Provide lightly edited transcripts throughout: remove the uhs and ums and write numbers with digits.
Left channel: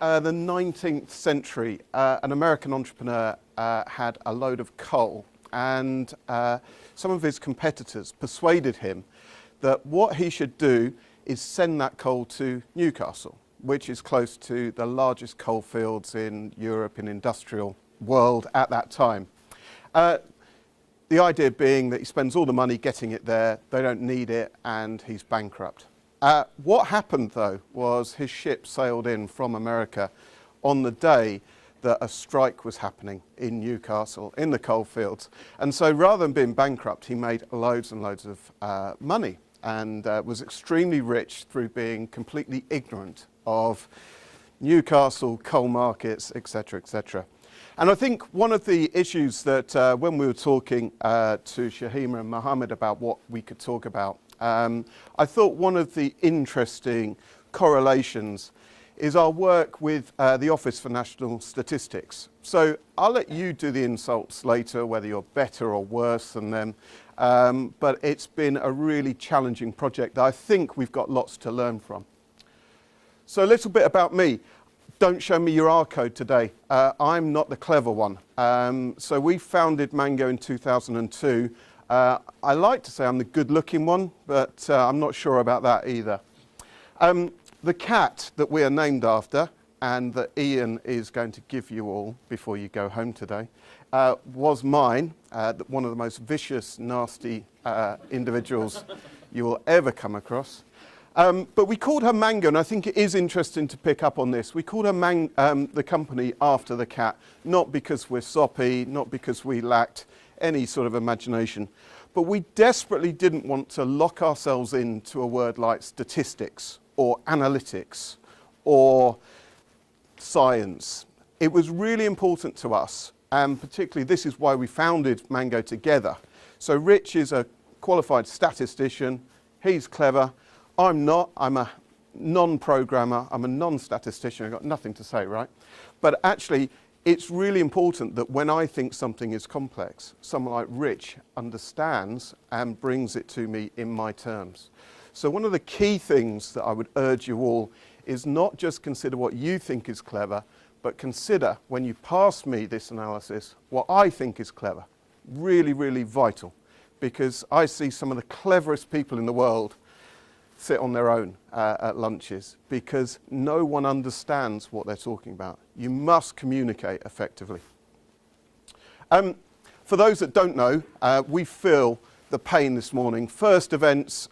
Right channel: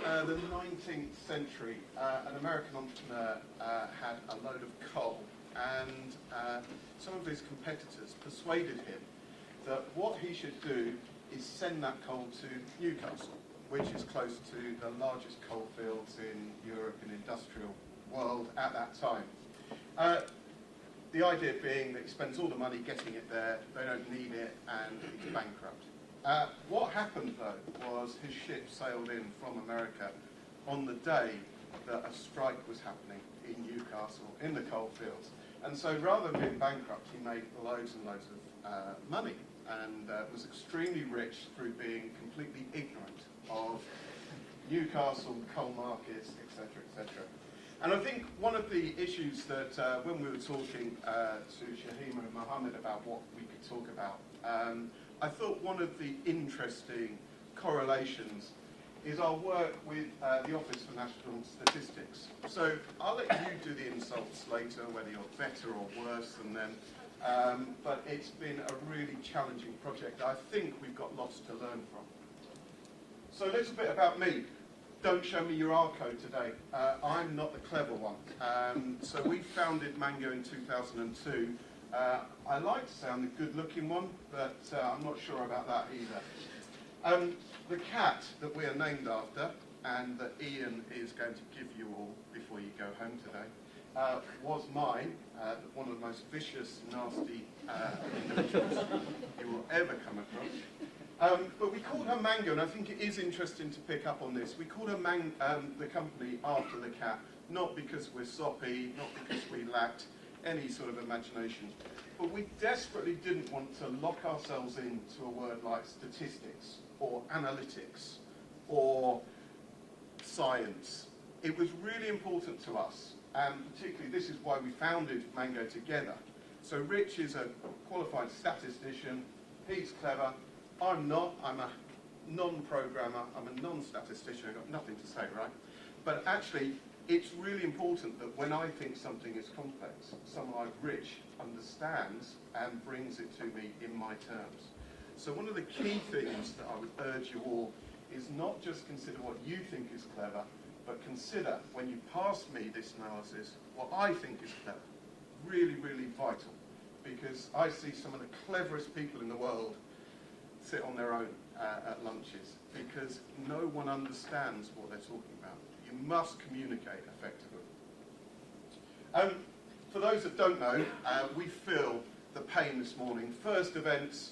The 19th century, an American entrepreneur had a load of coal, and some of his competitors persuaded him that what he should do is send that coal to Newcastle, which is close to the largest coal fields in Europe, in industrial world at that time. The idea being that he spends all the money getting it there, they don't need it, and he's bankrupt. What happened, though, was his ship sailed in from America on the day that a strike was happening in Newcastle, in the coal fields. And so rather than being bankrupt, he made loads and loads of money and was extremely rich through being completely ignorant of Newcastle, coal markets, etc., etc. And I think one of the issues that when we were talking to Shahima and Mohammed about what we could talk about, I thought one of the interesting correlations is our work with the Office for National Statistics. So I'll let you do the insults later, whether you're better or worse than them, but it's been a really challenging project that I think we've got lots to learn from. So a little bit about me. Don't show me your R code today. I'm not the clever one. So we founded Mango in 2002. I like to say I'm the good-looking one, but I'm not sure about that either. The cat that we are named after, and that Ian is going to give you all before you go home today, was mine, one of the most vicious, nasty individuals you will ever come across. But we called her Mango, and I think it is interesting to pick up on this. We called her the company after the cat, not because we're soppy, not because we lacked any sort of imagination, but we desperately didn't want to lock ourselves into a word like statistics or analytics or science. It was really important to us, and particularly this is why we founded Mango together. So Rich is a qualified statistician, he's clever, I'm not, I'm a non-programmer, I'm a non-statistician, I've got nothing to say, right? But actually, it's really important that when I think something is complex, someone like Rich understands and brings it to me in my terms. So one of the key things that I would urge you all is not just consider what you think is clever, but consider when you pass me this analysis, what I think is clever. Really, really vital, because I see some of the cleverest people in the world sit on their own at lunches because no one understands what they're talking about. You must communicate effectively. For those that don't know, we feel the pain this morning. First events,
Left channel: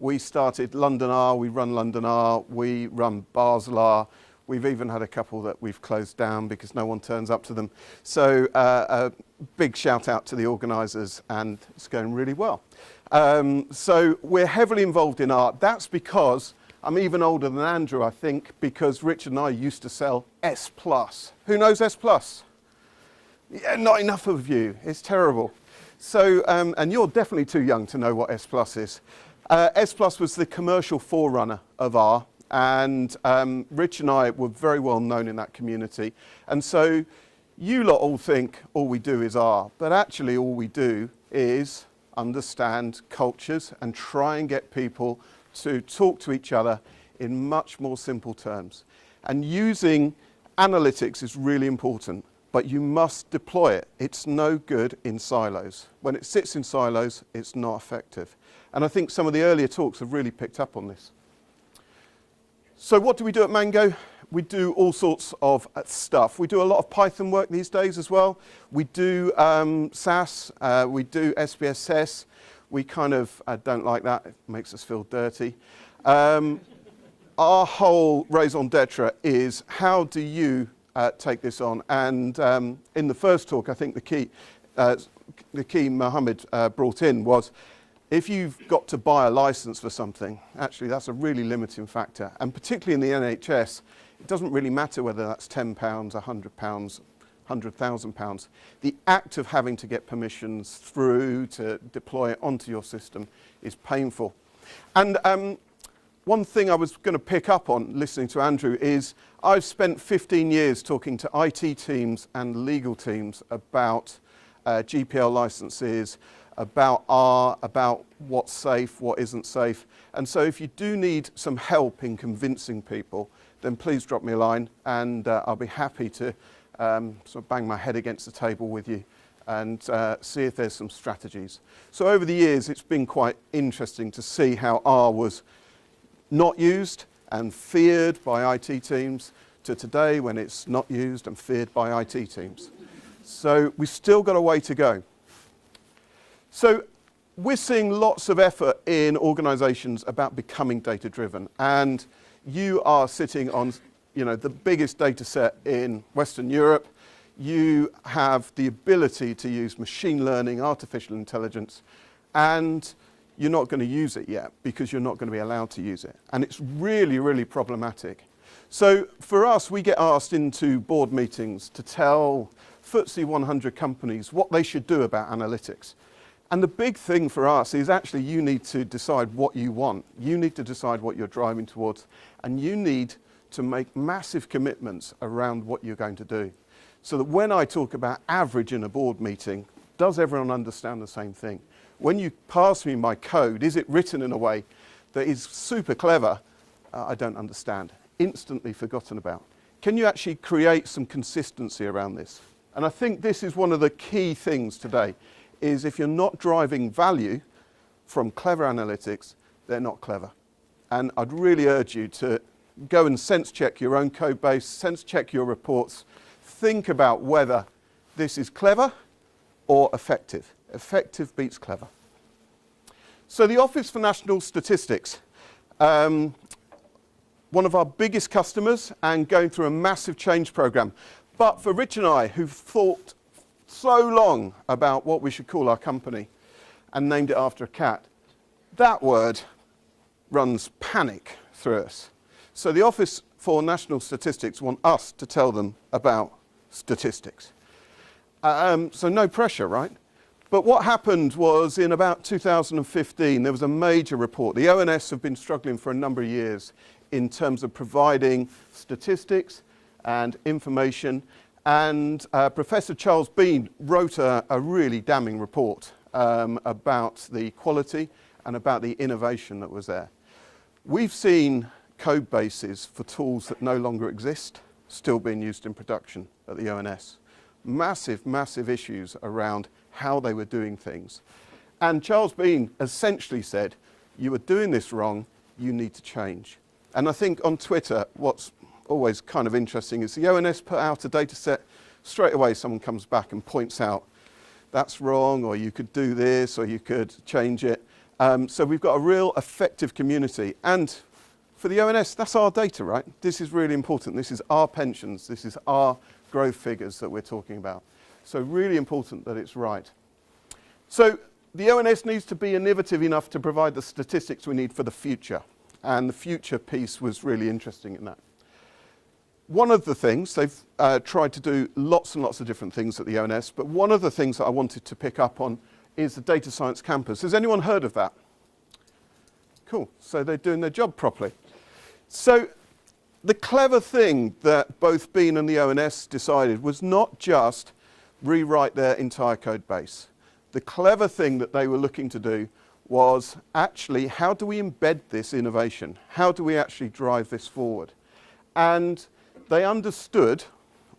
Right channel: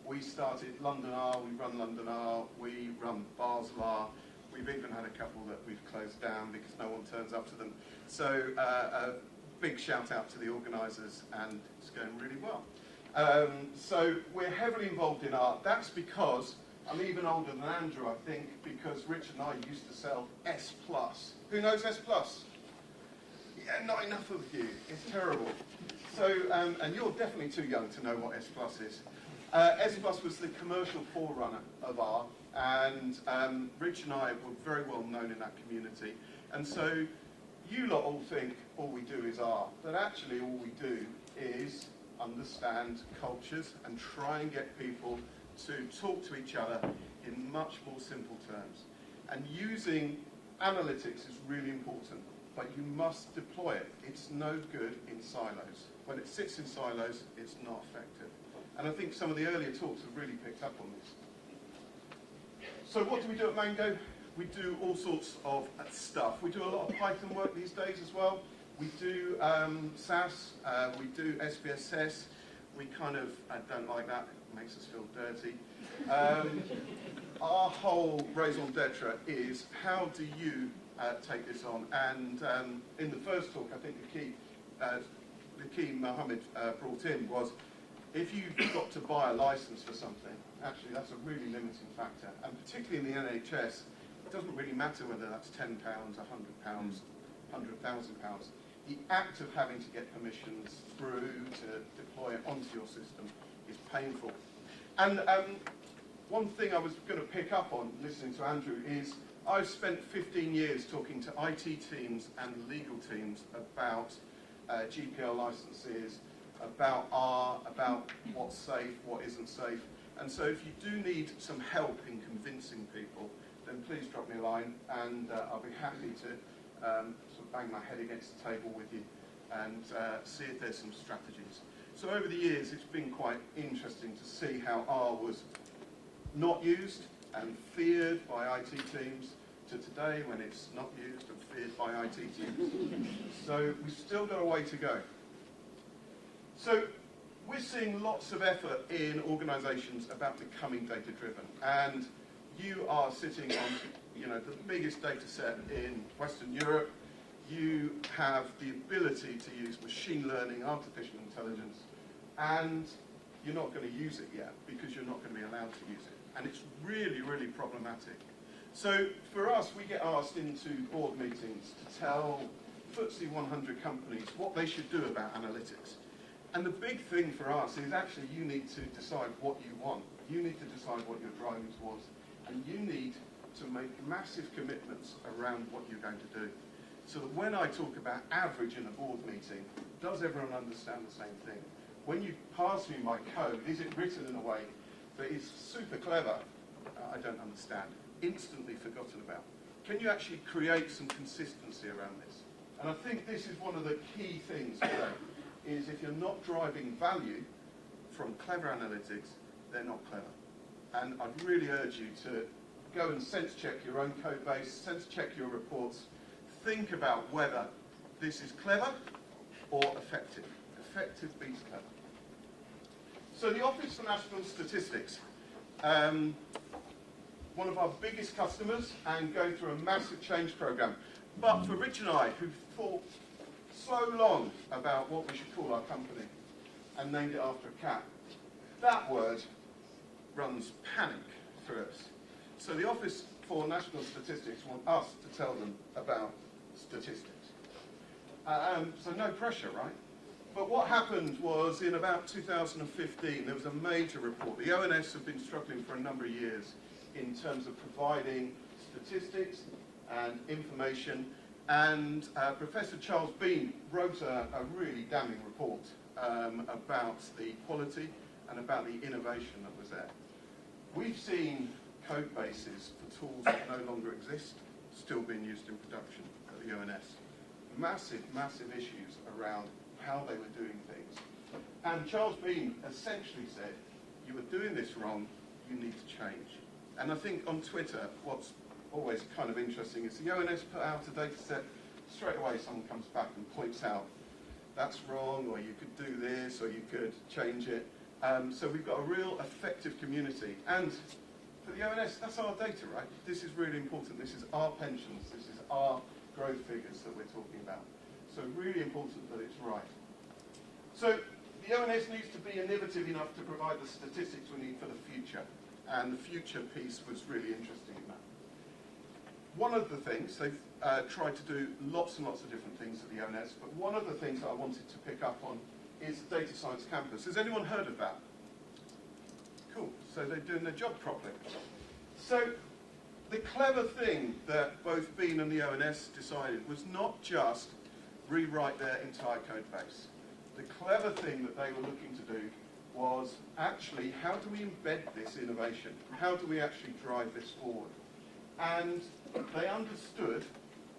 we started London R, we run London R, we run Basel R. We've even had a couple that we've closed down because no one turns up to them. So a big shout out to the organisers, and it's going really well. So we're heavily involved in art. That's because I'm even older than Andrew, I think, because Rich and I used to sell S+. Who knows S+? Yeah, not enough of you. It's terrible. So, and you're definitely too young to know what S+ is. S+ was the commercial forerunner of R, and Rich and I were very well known in that community. And so you lot all think all we do is R, but actually all we do is understand cultures and try and get people to talk to each other in much more simple terms. And using analytics is really important, but you must deploy it. It's no good in silos. When it sits in silos, it's not effective. And I think some of the earlier talks have really picked up on this. So what do we do at Mango? We do all sorts of stuff. We do a lot of Python work these days as well. We do SAS, we do SPSS. We kind of don't like that, it makes us feel dirty. Our whole raison d'etre is how do you take this on? And in the first talk, I think the key Mohammed brought in was, if you've got to buy a license for something, actually that's a really limiting factor. And particularly in the NHS, it doesn't really matter whether that's £10, £100, £100,000. The act of having to get permissions through to deploy it onto your system is painful. And one thing I was going to pick up on listening to Andrew is I've spent 15 years talking to IT teams and legal teams about GPL licenses, about R, about what's safe, what isn't safe. And so if you do need some help in convincing people, then please drop me a line, and I'll be happy to sort of bang my head against the table with you and see if there's some strategies. So over the years, it's been quite interesting to see how R was not used and feared by IT teams, to today when it's not used and feared by IT teams. So we've still got a way to go. So we're seeing lots of effort in organizations about becoming data-driven, and you are sitting on, the biggest data set in Western Europe. You have the ability to use machine learning, artificial intelligence, and you're not going to use it yet because you're not going to be allowed to use it. And it's really, really problematic. So for us, we get asked into board meetings to tell FTSE 100 companies what they should do about analytics. And the big thing for us is actually you need to decide what you want. You need to decide what you're driving towards. And you need to make massive commitments around what you're going to do. So that when I talk about average in a board meeting, does everyone understand the same thing? When you pass me my code, is it written in a way that is super clever? I don't understand. Instantly forgotten about. Can you actually create some consistency around this? And I think this is one of the key things today, is if you're not driving value from clever analytics, they're not clever. And I'd really urge you to go and sense check your own code base, sense check your reports, think about whether this is clever or effective. Effective beats clever. So the Office for National Statistics, one of our biggest customers and going through a massive change program. But for Rich and I, who've thought so long about what we should call our company and named it after a cat, that word runs panic through us. So the Office for National Statistics want us to tell them about statistics. So no pressure, right? But what happened was in about 2015, there was a major report. The ONS have been struggling for a number of years in terms of providing statistics and information. And Professor Charles Bean wrote a really damning report about the quality and about the innovation that was there. We've seen code bases for tools that no longer exist still being used in production at the ONS. Massive, massive issues around how they were doing things. And Charles Bean essentially said, you were doing this wrong, you need to change. And I think on Twitter, what's always kind of interesting is the ONS put out a data set, straight away someone comes back and points out, that's wrong, or you could do this, or you could change it. So we've got a real effective community. And for the ONS, that's our data, right? This is really important. This is our pensions. This is our growth figures that we're talking about. So really important that it's right. So the ONS needs to be innovative enough to provide the statistics we need for the future. And the future piece was really interesting in that. One of the things, they've tried to do lots and lots of different things at the ONS, but one of the things that I wanted to pick up on is the Data Science Campus. Has anyone heard of that? Cool, so they're doing their job properly. So the clever thing that both Bean and the ONS decided was not just rewrite their entire code base. The clever thing that they were looking to do was actually, how do we embed this innovation? How do we actually drive this forward? And they understood,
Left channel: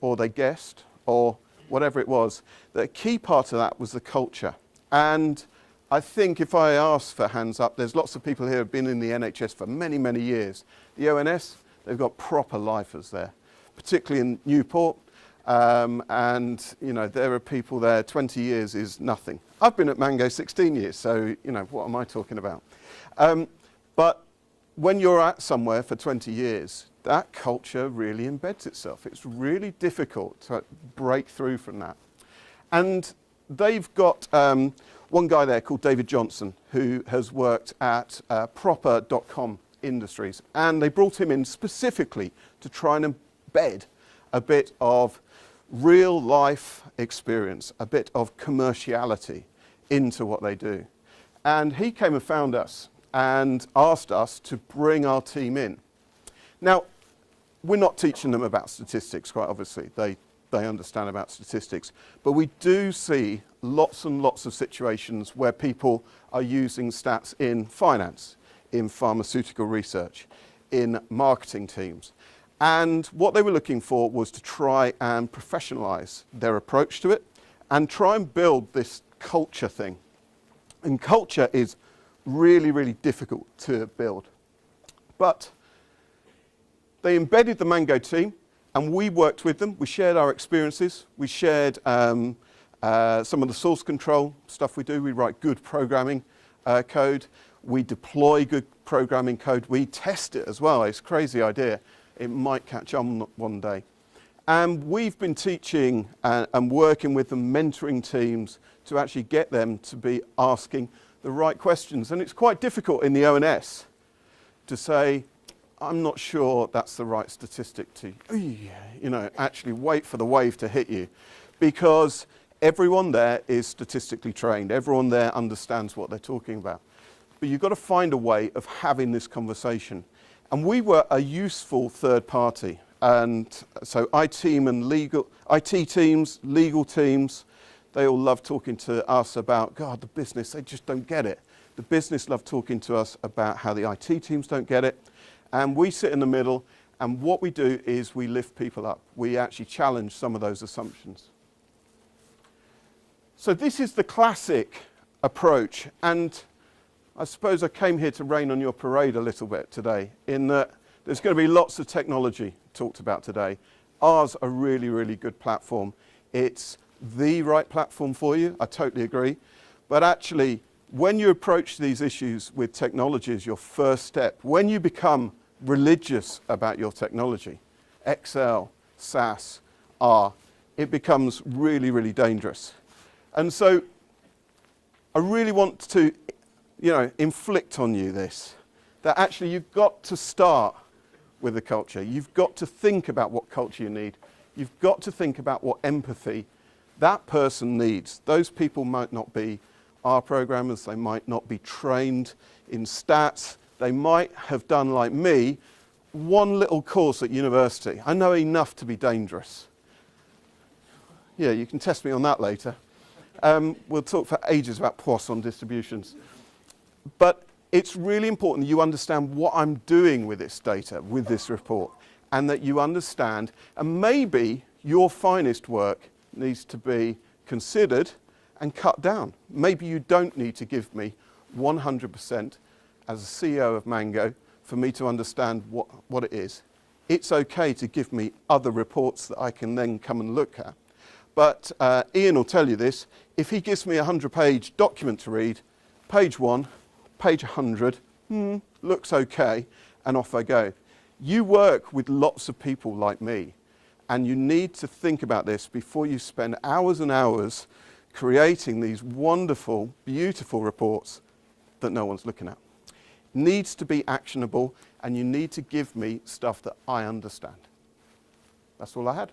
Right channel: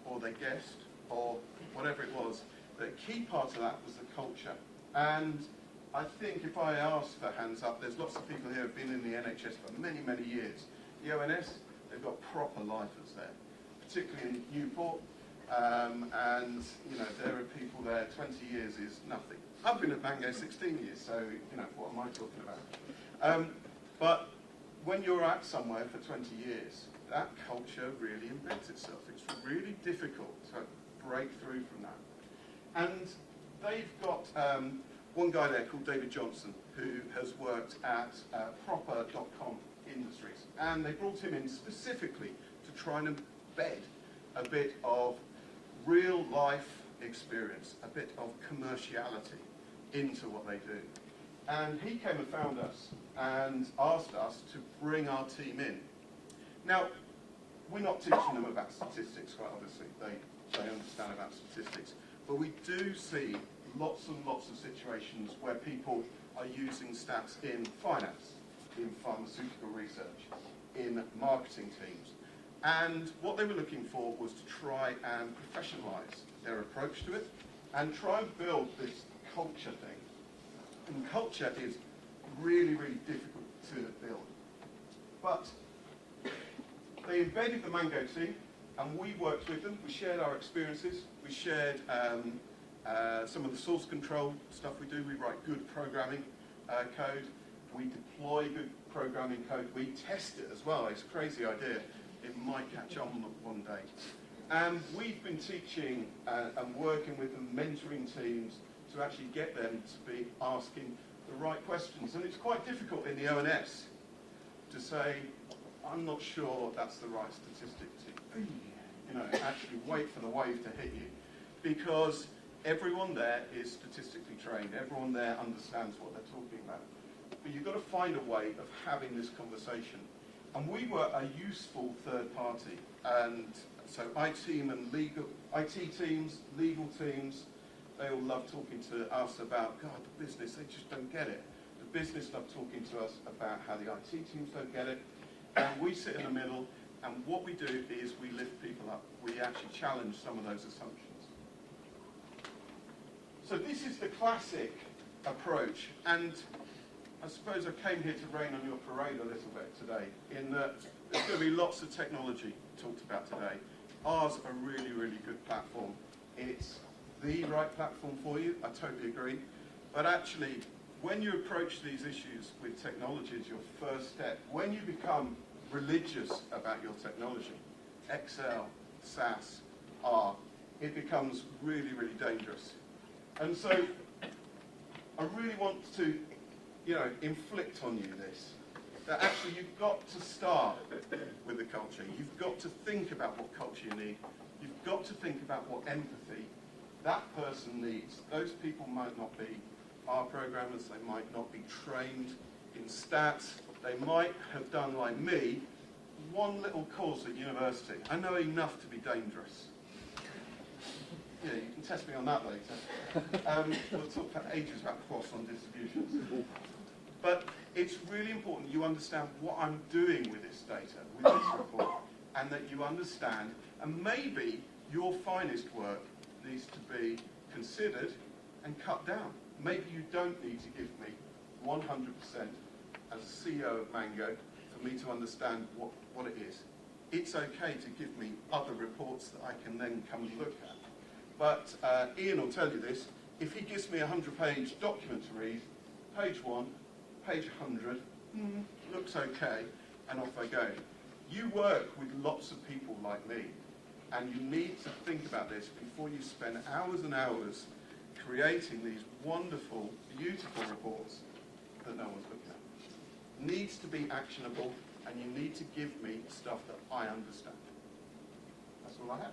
or they guessed, or whatever it was, that a key part of that was the culture. And I think if I ask for hands up, there's lots of people here who have been in the NHS for many, many years. The ONS, they've got proper lifers there, particularly in Newport. And, there are people there, 20 years is nothing. I've been at Mango 16 years, so, what am I talking about? But when you're at somewhere for 20 years, that culture really embeds itself. It's really difficult to break through from that. And they've got one guy there called David Johnson, who has worked at proper.com Industries. And they brought him in specifically to try and embed a bit of real life experience, a bit of commerciality into what they do. And he came and found us and asked us to bring our team in. Now, we're not teaching them about statistics, quite obviously. They understand about statistics. But we do see lots and lots of situations where people are using stats in finance, in pharmaceutical research, in marketing teams. And what they were looking for was to try and professionalize their approach to it and try and build this culture thing. And culture is really, really difficult to build. But they embedded the Mango team, and we worked with them. We shared our experiences. We shared some of the source control stuff we do. We write good programming code. We deploy good programming code. We test it as well. It's a crazy idea. It might catch on one day. And we've been teaching and working with them, mentoring teams to actually get them to be asking the right questions. And it's quite difficult in the ONS to say, I'm not sure that's the right statistic to, actually wait for the wave to hit you. Because everyone there is statistically trained. Everyone there understands what they're talking about. But you've got to find a way of having this conversation. And we were a useful third party. And so IT teams, legal teams, they all love talking to us about, God, the business, they just don't get it. The business love talking to us about how the IT teams don't get it. And we sit in the middle, and what we do is we lift people up. We actually challenge some of those assumptions. So this is the classic approach. And I suppose I came here to rain on your parade a little bit today, in that there's going to be lots of technology talked about today. Ours a really, really good platform. It's the right platform for you, I totally agree. But actually, when you approach these issues with technology as your first step, when you become religious about your technology, Excel, SAS, R, it becomes really, really dangerous. And so I really want to inflict on you this, that actually you've got to start with the culture. You've got to think about what culture you need. You've got to think about what empathy that person needs. Those people might not be R programmers. They might not be trained in stats. They might have done, like me, one little course at university. I know enough to be dangerous. Yeah, you can test me on that later. We'll talk for ages about Poisson distributions. But it's really important that you understand what I'm doing with this data, with this report, and that you understand, and maybe your finest work needs to be considered and cut down. Maybe you don't need to give me 100% as a CEO of Mango for me to understand what it is. It's okay to give me other reports that I can then come and look at. But Ian will tell you this, if he gives me a 100-page document to read, page 1, page 100, looks okay, and off I go. You work with lots of people like me, and you need to think about this before you spend hours and hours creating these wonderful, beautiful reports that no one's looking at. Needs to be actionable, and you need to give me stuff that I understand. That's all I had.